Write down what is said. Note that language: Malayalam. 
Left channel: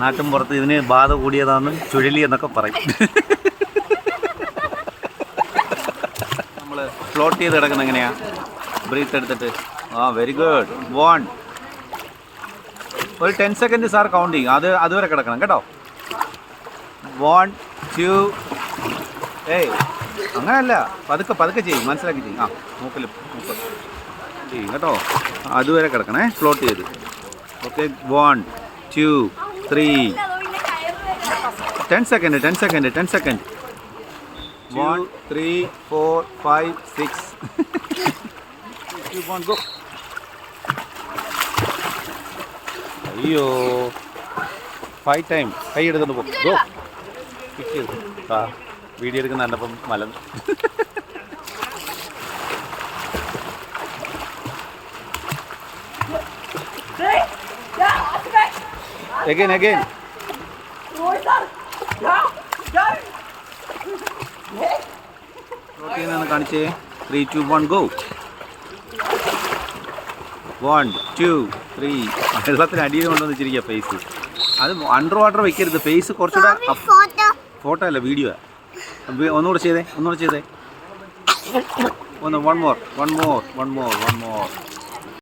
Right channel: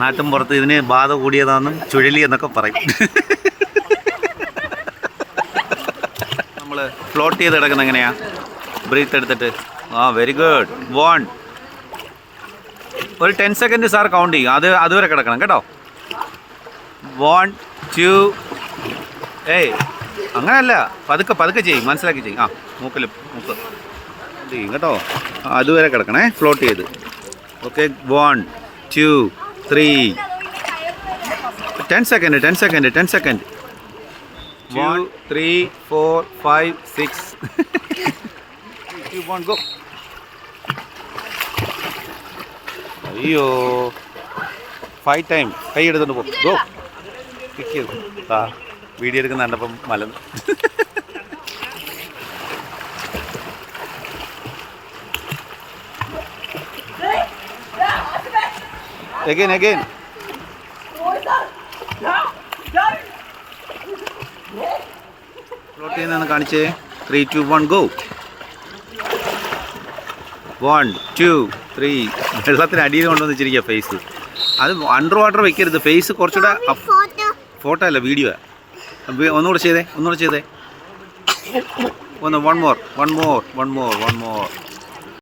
നാട്ടും പുറത്ത് ഇതിന് ബാധ കൂടിയതാണെന്നും ചുഴലി എന്നൊക്കെ പറയും. നമ്മൾ ഫ്ലോട്ട് ചെയ്ത് കിടക്കുന്നത് എങ്ങനെയാ? ബ്രീത്ത് എടുത്തിട്ട്. Very good. 1 ഒരു 10 സെക്കൻഡ് സാർ കൗണ്ട് ചെയ്യും. അതുവരെ കിടക്കണം കേട്ടോ. 1 2 അങ്ങനെയല്ല, പതുക്കെ ചെയ്യും, മനസ്സിലാക്കി ചെയ്യും. മൂക്ക് ചെയ്യും കേട്ടോ. അതുവരെ കിടക്കണേ, ഫ്ലോട്ട് ചെയ്ത്. Okay, 1 2 3 10 second 1 3 4 5 6 go. അയ്യോ, 5 ടൈം കൈ എടുത്തോണ്ട് പോ. ഗോ. പിക്ക് ചെയ്ത് വീഡിയോ എടുക്കുന്ന കണ്ടപ്പം മലം. Again. ഫ്ലോട്ട് ചെയ്യുന്നതാണ് കാണിച്ചേ. 3 2 1 ഗോ. 1 2 3. വെള്ളത്തിന് അടിയിൽ കൊണ്ടുവന്ന് വെച്ചിരിക്കുക ഫേസ്. അത് അണ്ടർ വാട്ടർ വെക്കരുത്. ഫേസ് കുറച്ചുകൂടെ. ഫോട്ടോ അല്ല, വീഡിയോ. ഒന്നുകൂടെ ചെയ്തേ. 1 more.